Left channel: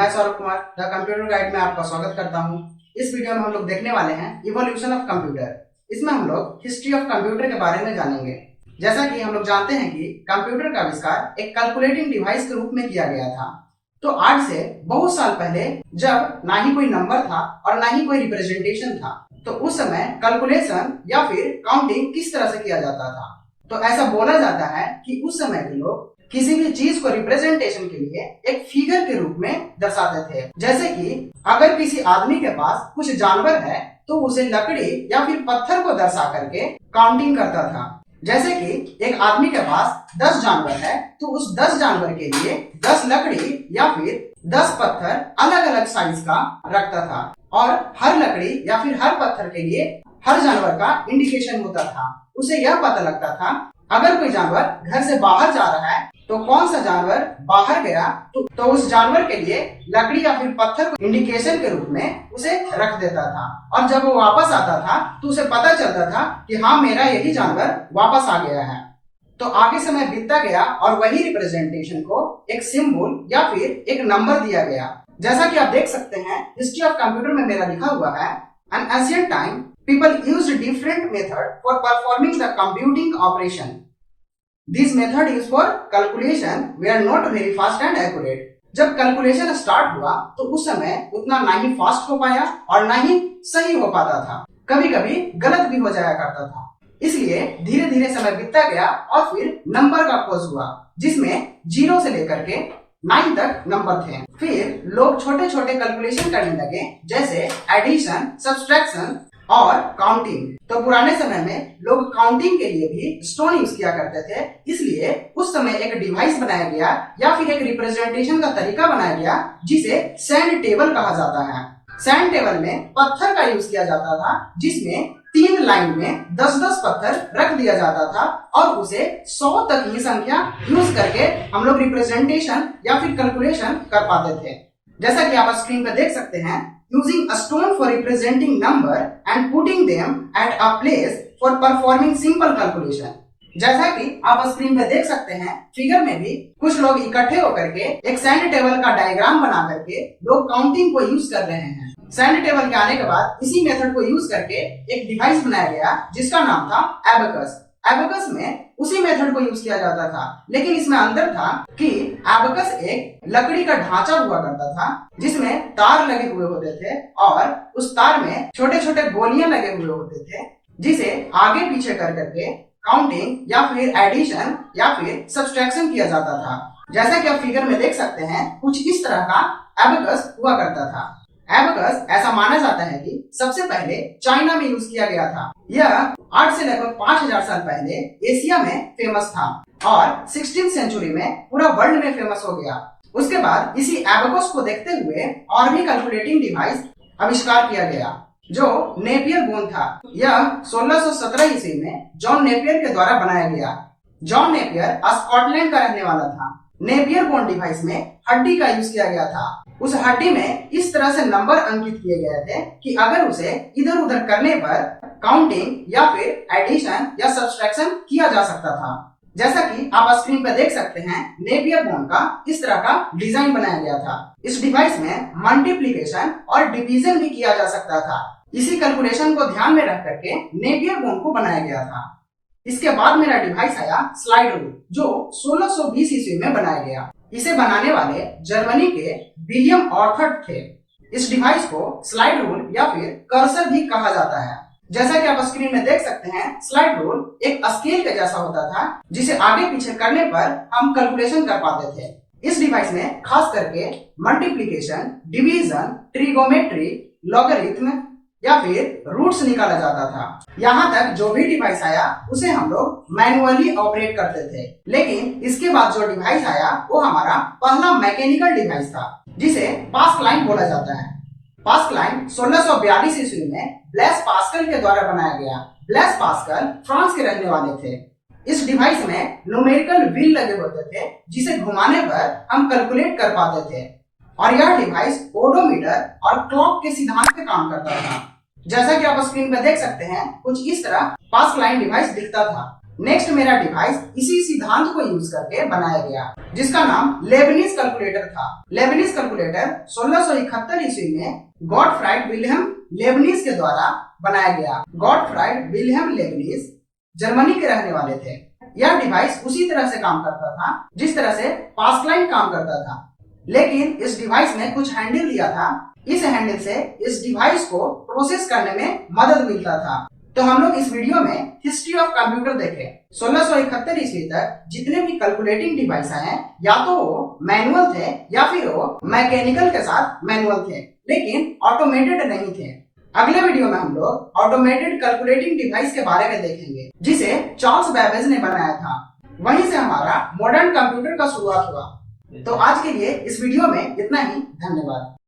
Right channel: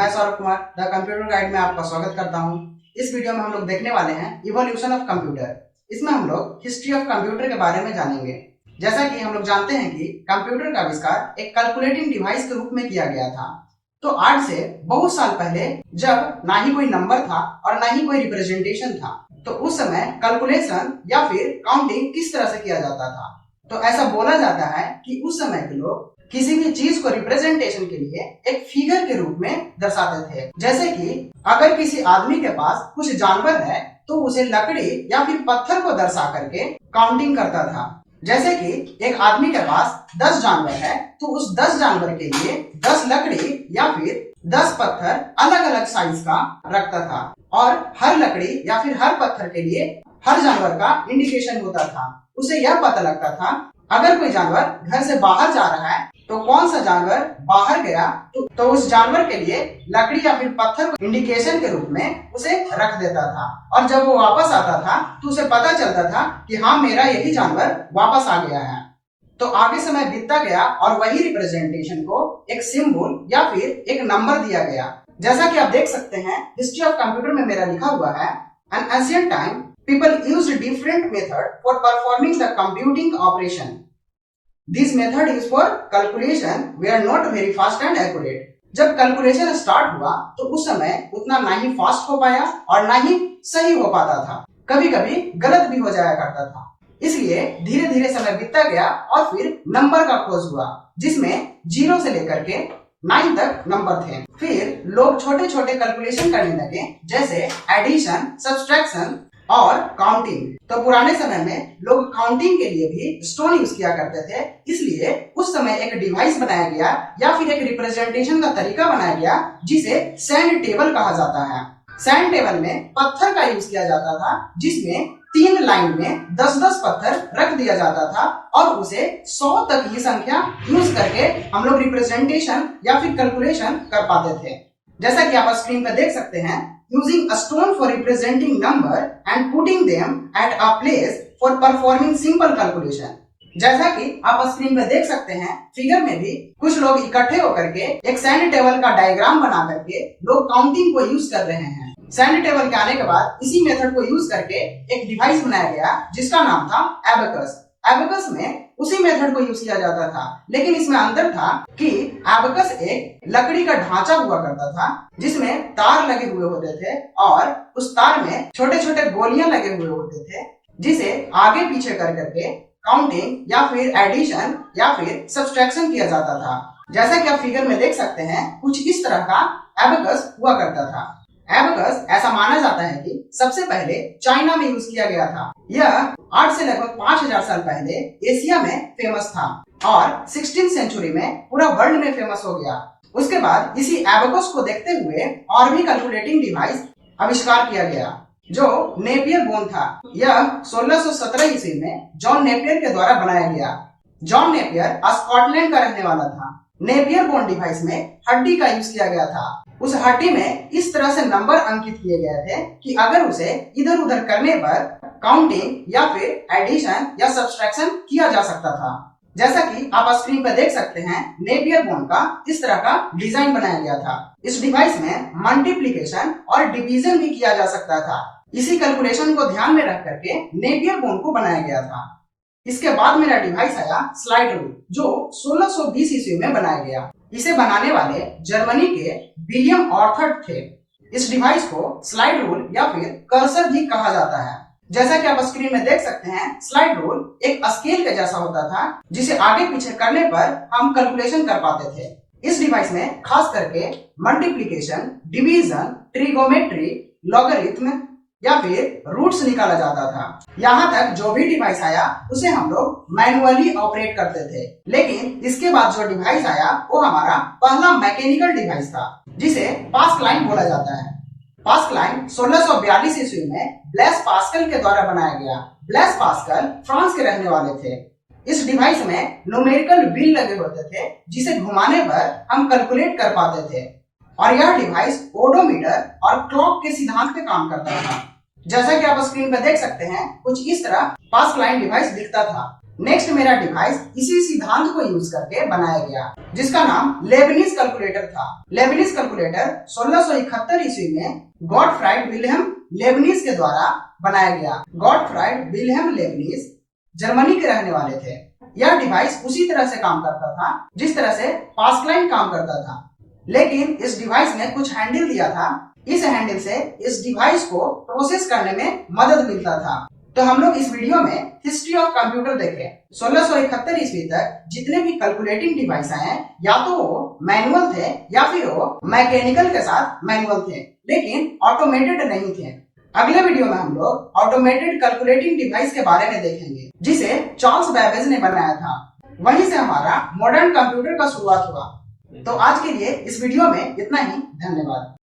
मैं Saurabh Kumar the computer guide में आपका स्वागत करता हूं। इस वीडियो में हम लोग देखने वाले हैं इवोल्यूशन ऑफ कंप्यूटर। इसमें हम लोग हिस्ट्री ऑफ कंप्यूटर के बारे में जानेंगे। जैसा कि हम लोग जानते हैं कि कंप्यूटर का आविष्कार एक कैलकुलेटिंग डिवाइस के रूप में किया गया था। तो आज से बहुत साल पहले, जब ना ही कोई नंबर था और ना ही कोई रिप्रेजेंटेशन था, तो उस समय कैलकुलेशन या फिर काउंटिंग किस तरह से किया जाता था। तो ऐसा बोला जाता है कि उस समय के लोग किसी भी चीज को रिप्रेजेंटेशन के लिए एक फिगर के रूप में दर्शाते थे। जैसे कि अगर किसी आदमी के पास कुछ जानवर है तो उसे लकड़ी या फिर पत्थर को दर्शा करके काउंटिंग करता था। जैसे कि एक आदमी के पास 10 जानवर है तो उस 10 जानवर के लिए 10 लकड़ी या फिर 10 पत्थर अलग अलग साइज का रखता था, और हर लकड़ी या फिर हर पत्थर के लिए हर जानवर का इंडिकेशन होता था। उसे यह पता लगता था अगर कोई जानवर घर से बाहर जा रहा है तो कौन सा जानवर बाहर गया, तो उस जानवर के लिए लकड़ी या फिर पत्थर को इंडिकेशन के रूप में उसे रख देता था, और जब वो वापस आता था तो उसे पता चलता था कि हाँ, मेरा यही जानवर वापस आ गया है। तो आगे समय बीतता गया और वही रिप्रेजेंटेशन को एक सिंबल या फिर एक नंबर दिया गया। जैसा कि आप देख सकते हैं हिस्ट्री ऑफ कंप्यूटर में मेरा लिखा हुआ है, N ancient time people used different method for performing the computing operation. This method is for calculation were not very fast and accurate. जब कैलकुलेशन स्टार्ट हुआ तो उस समय उतना ना ही फास्ट हो पाया और ना ही सही हो पाता था, कभी कभी गलत भी हो जाया करता था। इसलिए धीरे धीरे समय बीतता गया और फिर नंबर का खोज हुआ, जिसमें 0 से लेकर के 9 तक नंबर थे। फिर लोग छोटे छोटे कैलकुलेशन करने लगे, जैसे एडिशन, सब्सट्रैक्शन और काउंटिंग। तो पुराने समय में लोग काउंटिंग के लिए भी स्टोन यूज किया करते थे, इसलिए उस समय एक डिवाइस बनाया गया या फिर एक रिप्रेजेंटेशन का तरीका बनाया गया जिसे सैंड टेबल कहा जाता है। सैंड टेबल में पत्थर का यूज किया जाता था, जिसमें 3 लाइन में 10-10 पत्थर रख दिया जाता था, और उसे 100 तक की संख्या यूज करके हम लोग रिप्रेजेंटेशन या फिर कैलकुलेशन कर पाते थे। जैसा कि आप स्क्रीन पर देख सकते हैं, using a stone for representing number and putting them at a place for performing simple calculation। जैसा कि आप स्क्रीन पे देख सकते हैं, फिगर में भी कुछ लोग इकट्ठे होकर के एक सैंड टेबल का डायग्राम बना करके लोग काउंटिंग को यूज कर रहे हैं। सैंड टेबल के आने के बाद इसी मेथड को यूज करके एक डिवाइस बनाया गया जिसका नाम था एबेकस। एबेकस में उसी मेथड को यूज किया जाता था, लेकिन इसमें अंतर था कि एबेकस एक लकड़ी का ढांचा हुआ करता था जिसमें तार लगे हुए होते थे, और उस तार में छोटे छोटे गोलियां लगे हुए होते थे, जिसे आगे पीछे कर करके काउंटिंग या फिर एडिशन या फिर सब्सट्रैक्शन किया जाता था। जैसा कि आप फिगर में देख सकते हैं, कुछ इस तरह का एबेकस हुआ करता था। एबेकस ऐसा माना जाता है कि सबसे पहले चाइना में यूज किया गया था। यह 8 से लगभग 5000 साल पहले एशिया में फेमस था और 16वीं सेंचुरी में पूरा वर्ल्ड में फेमस हो गया। उसके बाद इसी एबेकस को देखते हुए और भी कैलकुलेटिंग डिवाइस आविष्कार किया गया, जो नेपियर बोन था। यह 1617 ईस्वी में जॉन नेपियर के द्वारा बनाया गया। जॉन नेपियर स्कॉटलैंड का रहने वाला था। नेपियर बोन डिवाइस में हड्डी का यूज किया गया था। उस हड्डी में इस तरह से नंबर अंकित किए गए थे कि अगर उसे इधर उधर करने पर काउंटिंग या फिर एडिशन या सब्सट्रैक्शन किया जा सकता था। जैसा कि आप स्क्रीन पर देख सकते हैं, नेपियर बोन का इस तरह का डिजाइन बनाया गया था। इस डिवाइस में मल्टीप्लिकेशन और डिवीजन भी किया जा सकता था। इसी कैलकुलेशन को ध्यान में रख करके नेपियर बोन को बनाया गया था। इसके बाद मेरा डिवाइस आया स्लाइड रूल, जो 1620 ईस्वी में बनाया गया। इसे बनाने वाले जर्मनी के विलियम ऑर्थर थे। इस डिवाइस को स्लाइड रूल या फिर कर्सर भी कहा जाता है। जैसा कि आप स्क्रीन में देख सकते हैं, स्लाइड रूल एक स्केल के जैसा होता था, जिसे आगे पीछे करने पर हम कैलकुलेशन कर पाते थे। इस डिवाइस में खास करके मल्टीप्लिकेशन, डिवीजन, ट्रिगोमेट्री, लॉगरिथम या फिर रूट्स निकाला जाता था। यहाँ तक जो भी डिवाइस आया उसे हम लोग मैनुअली ऑपरेट करते थे, लेकिन इसके बाद जो डिवाइस आया वो हमारा पहला मैकेनिकल डिवाइस था, जिसे पास्कलाइन बोला जाता है। पास्कलाइन 1642 ईस्वी में ब्लेस पास्कल के द्वारा बनाया गया। ब्लेस पास्कल फ्रांस के रहने वाले थे। इस डिवाइस में न्यूमेरिकल व्हील लगे होते थे, जिसे घुमाने पर हम कैलकुलेट कर पाते थे, और यह डिवाइस ओडोमीटर और क्लॉक के सिद्धांत पे काम करता था। जैसा कि आप स्क्रीन पर देख सकते हैं, कुछ इस तरह पास्कलाइन डिवाइस दिखता था। नेक्स्ट मेरा डिवाइस इसी सिद्धांत को यूज करके बनाया गया, जिसका नाम लेबनिज कैलकुलेटर था। लेबनिज कैलकुलेटर 1671 ईस्वी में गॉटफ्राइड विल्हेम लेबनिज के द्वारा बनाया गया। गॉटफ्राइड विल्हेम लेबनिज जर्मनी के रहने वाले थे। यह डिवाइस उसी तरह से काम करता था जिस तरह से पास्कलाइन काम करता था, लेकिन इस डिवाइस ने कुछ हैंडल दिया था। इस हैंडल से इस डिवाइस को प्रोसेस करने में मदद मिलता था। तो हम लोग इस वीडियो में हिस्ट्री ऑफ कंप्यूटर देखें। 1671 ईस्वी तक जितने भी कैलकुलेटिंग डिवाइस आए या तो वो मैनुअल थे या फिर वो मैकेनिकल के साथ मैनुअल थे, लेकिन ऑटोमेटेड नहीं थे। अगले वीडियो में हम लोग ऑटोमेटेड कैलकुलेटिंग डिवाइस के बारे में देखेंगे, जिसे चार्ल्स बेबेज ने बनाया था। वहीं से हमारा मॉडर्न कंप्यूटर का शुरुआत हुआ। तो आज के लिए इस वीडियो में इतना ही। धन्यवाद।